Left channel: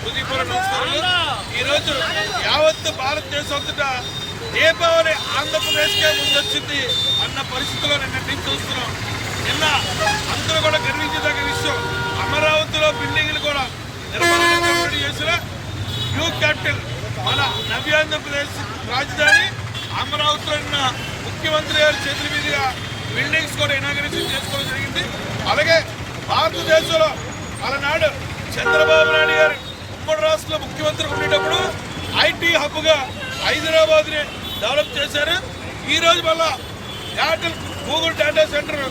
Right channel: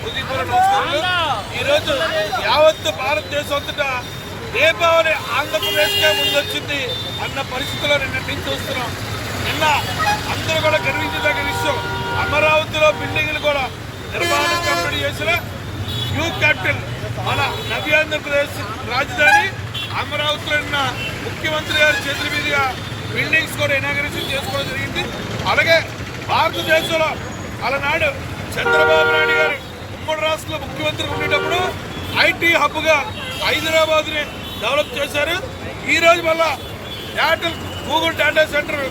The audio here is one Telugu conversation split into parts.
హృదయపూర్వ నమస్కారాలు ఈరోజు యావత్ భారతదేశం అంతటా దీపావళి ఆంధ్రప్రదేశ్కే ముందొచ్చింది అన్న పరిస్థితిలో నిన్నటి నుంచి చూస్తున్నాం నిన్న అందరూ కూడా గర్వించదగ్గ విషయం అమరావతిలో బిల్డింగ్లు కూడా నిర్మాణం కంప్లీట్ చేసిన న్యూ క్యాపిటల్ మన నవ్యాంధ్రప్రదేశ్ రాజధాని అమరావతిలో ఉన్న ముఖ్యమంత్రి గారి చేతుల మీదుగా బిల్డింగ్స్ కూడా ఇనాగరేషన్ చేసుకోవడం జరిగింది. అలాగే భారతదేశంలో అలనాడు చంద్రబాబు నాయుడు గారు ఉమ్మడి రాష్ట్రంలో ముఖ్యమంత్రి ఉండేటప్పుడు ఐటీ హబ్గా హైదరాబాద్ని డెవలప్ చేశారు. ఈ రోజు మళ్ళా డేటా గూగుల్ డేటా సెంటర్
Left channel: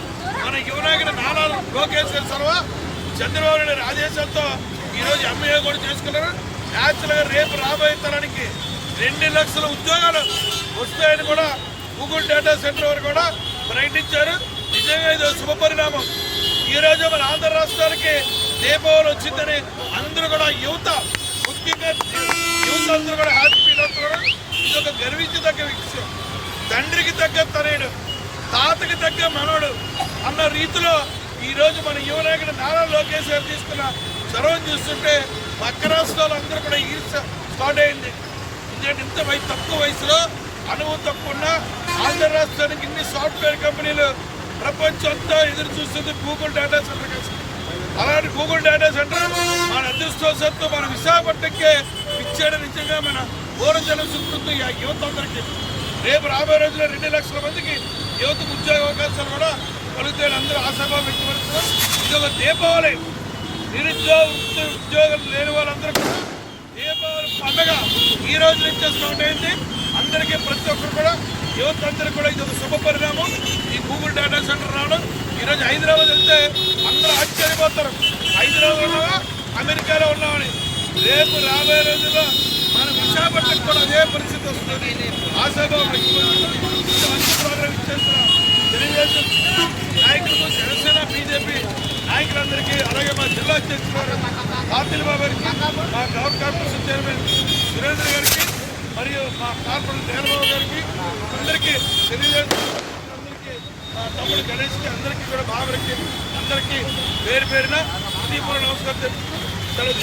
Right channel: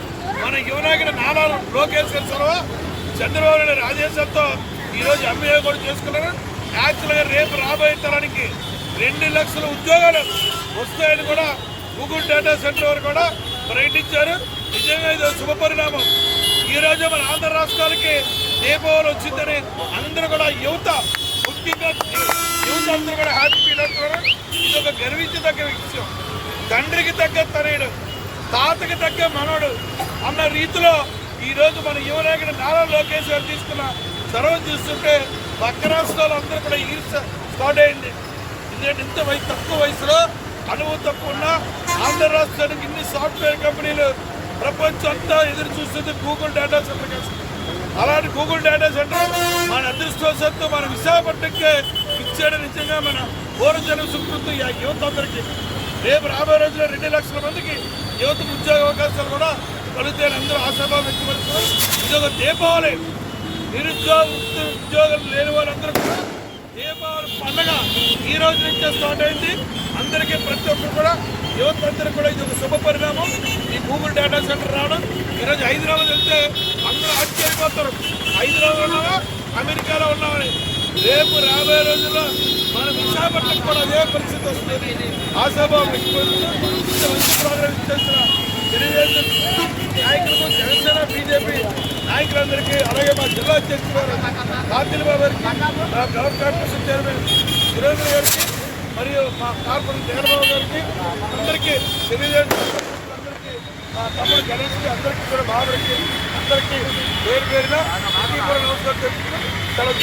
మన యువనాయకుడు నారా లోకేష్ గారి సొరవ చంద్రబాబు నాయుడు ఆదేశంతో ఈ రోజు ఎంఏ కూడా చేసుకున్నారు. న్యాచురల్గా రేపు రాబోయే తరానికి రెండు లక్షల ఉద్యోగాలు వస్తాయని కూడా గూగుల్ డేటా సెంటర్ వారు కూడా ప్రకటించారు. నిజంగా ఇది శుభ పరిణామం ఈ మన ఆంధ్ర రాష్ట్రానికి దీపావళి వచ్చిందని అందరూ కూడా యువత ముఖ్యంగా యువత అందరూ కూడా హ్యాపీ ఫీల్ అవుతున్నారు. ఇది ఒక గర్వించదగ్గ విషయం. తండ్రికి తగ్గ తనయుడు తాతకి తగ్గ మనవడు అన్న రీతిలో ఈరోజు మన యువనాయకుడు నారా లోకేష్ గారు తీసుకున్న చొరవ చూస్తుంటే పక్క రాష్ట్రాలు అందరూ కూడా ఈర్చ స్టార్ట్ అయింది. ఎందుకంటే ఇంత వయసు తక్కువ వయసులో అనుభవం తక్కువ ఉన్న ఆంధ్ర రాష్ట్రానికి ఇన్ని సాఫ్ట్వేర్ కంపెనీలు ప్రపంచం అంతా ఎదురు చూస్తుంది గూగుల్ డేటా సెంటర్ కేసు అలాంటి గూగుల్ డేటా సెంటర్ మన అదృష్టవశాత్తు మన విశాఖపట్నంకే ఇచ్చాడు నిజంగా మన పూర్వజన సుకృతి ఆ యువత అందరికీ. రేపు రాబోయే రోజుల్లో రెండు లక్షల మందికి యువతకు ఉద్యోగ అవకాశాలు కూడా కలుగుతాయని అందరూ ఆశాభావం వ్యక్తపరుస్తున్నారు. ఇది ఒక దీపావళి. నిరుద్యోగ వృత్తి ఉద్యోగాలు లేని వాళ్ళందరూ కూడా దీపావళి పండగ ఈ రోజు నుంచే స్టార్ట్ అయింది. అందరికీ ప్రతి ఒక్కరు కూడా యువత అందరికీ కూడా ఇది ఒక శుభ పరిణామం. ఈ గూగుల్ డేటా సెంటర్ రావడం. ఈరోజు హైదరాబాద్ వెళ్తే అందరూ ఆశ్చర్యపోతారు. హైదరాబాద్ ఉన్నావా? అమెరికాలో ఉన్నామని రేపు రాబోయే రోజుల్లో మన విశాఖపట్నం కూడా అదే పరిస్థితి వస్తుంది. ఆశాభావం వ్యక్తపరుస్తూ ఇంత మంచి ప్రోగ్రాం ఇచ్చేస్తున్న తెలుగుదేశం నాయకులకు జనసేన బీజేపీ నాయకులందరికీ అలాగే మా జిల్లా అధ్యక్షులు గారు కార్తీల్ బాబు గారికి మా గవర్నర్ కార్పొరేషన్ చైర్మన్ సురేంద్ర గారికి మరియు మా కార్పొరేటర్ దేవబాబు గారికి అందరికీ తెలుగుదేశం అందరికీ మా తమ్ముడు గణేష్కి అందరికీ కూడా బాబుడికి అందరికీ పేరు పేరున హృదయపూర్వక నమస్కారం తెలుపుతూ సెలవు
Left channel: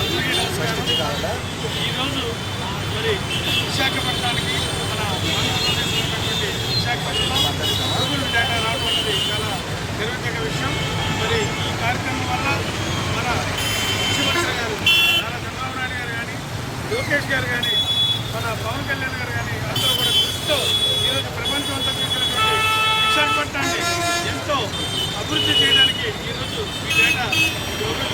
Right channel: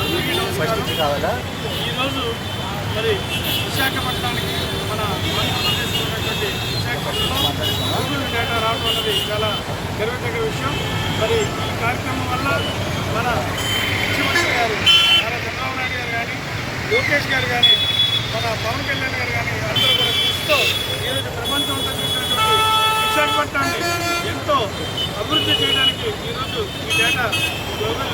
అందరికీ నమస్కారం ఈరోజు మరి విశాఖపట్నానికి మన ఆంధ్రప్రదేశ్ ఉన్నటువంటి విశాఖపట్నంలో గూగుల్ డేటా రావడం అనేది చాలా గర్వతగ్గ విషయం. మరి ఈ కార్యక్రమం వల్ల మన ముఖ్యమంత్రి గారు నారా చంద్రబాబు నాయుడు గారు కానీ లోకేష్ గారు కానీ మన పవన్ కళ్యాణ్ గారు కానీ అందరూ కూడా దృష్టితో ఈరోజు ప్రపంచం అంతా చూసినటువంటి విశాఖపట్నాన్ని ఎంతో అభివృద్ధి చేయడానికి ఈరోజు ఈ డేటా గ్లోబల్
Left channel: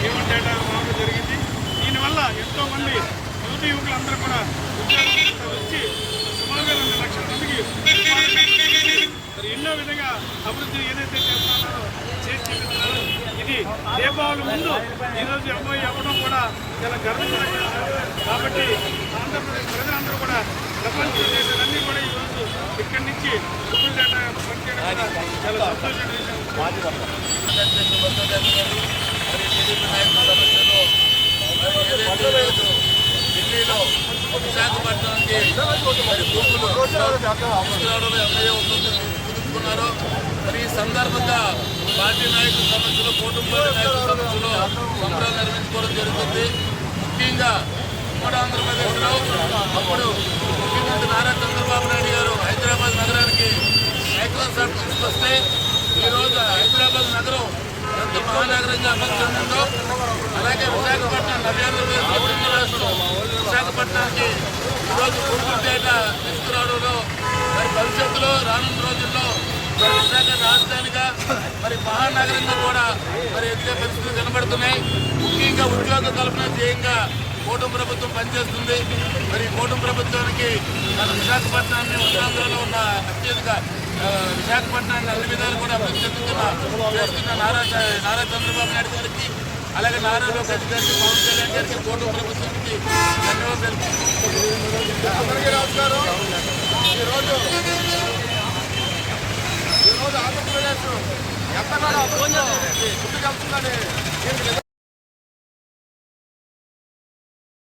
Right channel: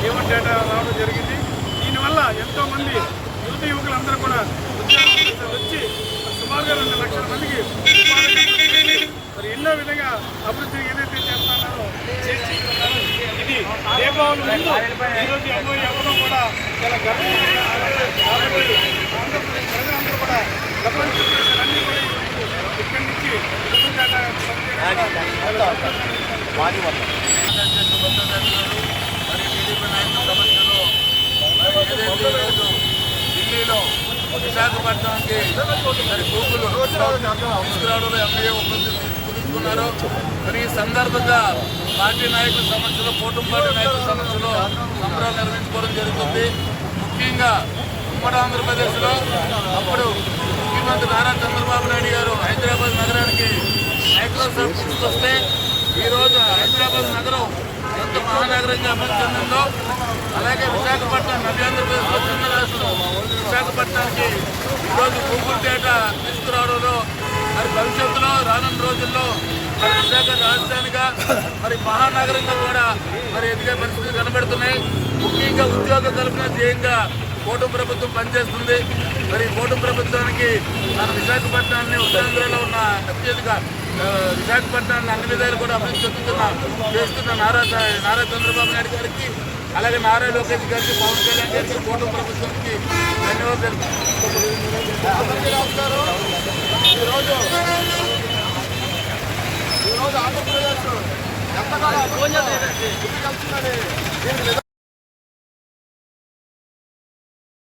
జీవన్ డేటా రావడం జరిగింది. దీనివల్ల ఎంతోమంది యువత యువకులందరూ కూడా ఉద్యోగాలు వచ్చి సుమారుగా రెండు లక్షల మందికి మరి ఎన్నో విధంగా అభివృద్ధి ఏదైతే చేస్తున్నారో చేసి ఇది దీపావళి ముందు ఈరోజు అమ్మాయి ఇవ్వడం కూడా చాలా గర్వంగా కాబట్టి ఆంధ్రప్రదేశ్ ప్రజలందరూ కూడా ప్రపంచ దేశాలన్నీ కూడా ఈరోజు ఇక్కడి నుంచి గూగుల్ మరి టీడీపీ నాయకుల సమక్షంలో మరి ఏదైతే ఈరోజు ఢిల్లీలో విశాఖపట్నానికి మరి గూగుల్ తీసుకురావడంలో ఎంఏ ఒప్పందం కుదుర్చుకున్నారు. మరి ఈ సందర్భంగా పార్టీ నాయకుల సమక్షంలో కూటమి పార్టీ నాయకుల సమక్షంలో సంబరాలు నిర్వహించుకోవడం జరుగుతుంది. ముఖ్యంగా ఉమ్మడి ఆంధ్రప్రదేశ్లో అప్పుడు ముఖ్యమంత్రి నారా చంద్రబాబు నాయుడు గారు హైదరాబాద్ నగరానికి మైక్రోసాఫ్ట్ తీసుకొస్తే ఈరోజు హైదరాబాద్ నగరం ఎంత మహానగరంగా అభివృద్ధి చెందిందో అలాగే విశాఖపట్నం నవ్యాంధ్రప్రదేశ్లో చిన్న రాష్ట్రం. విశాఖపట్నానికి ఈరోజు గూగుల్ డేటా తీసుకురావడంలో మరి భవిష్యత్తులో రానున్న రోజుల్లో మరి విశాఖ రాజధానిగా మరి మహానగరంగా కూడా మరి ఎదిగే పరిస్థితులు కనబడుతున్నాయి. ముఖ్యంగా ఉద్యోగ కల్పన ధ్యేయంగా కూటమి ప్రభుత్వం పనిచేస్తుంది. మరి మరి కూటమి ప్రభుత్వానికి మన విశాఖపట్నాన్ని ఉత్తరాంధ్రలో ఉన్న అత్యధిక విశాఖపట్నం అన్ని విధాలు కూడా అభివృద్ధి చెందుతున్న చేస్తున్న నారా నారా చంద్రబాబు నాయుడు గారికి అలాగే నారా లోకేష్ గారికి పవన్ కళ్యాణ్ గారికి కూటమి ప్రభుత్వానికి ధన్యవాదాలు అందరికీ నమస్కారం. ఈరోజు ఈరోజు ఆంధ్రప్రదేశ్ ఎంతగానో అభివృద్ధిలో ముందుకెళ్తుందని దీనికి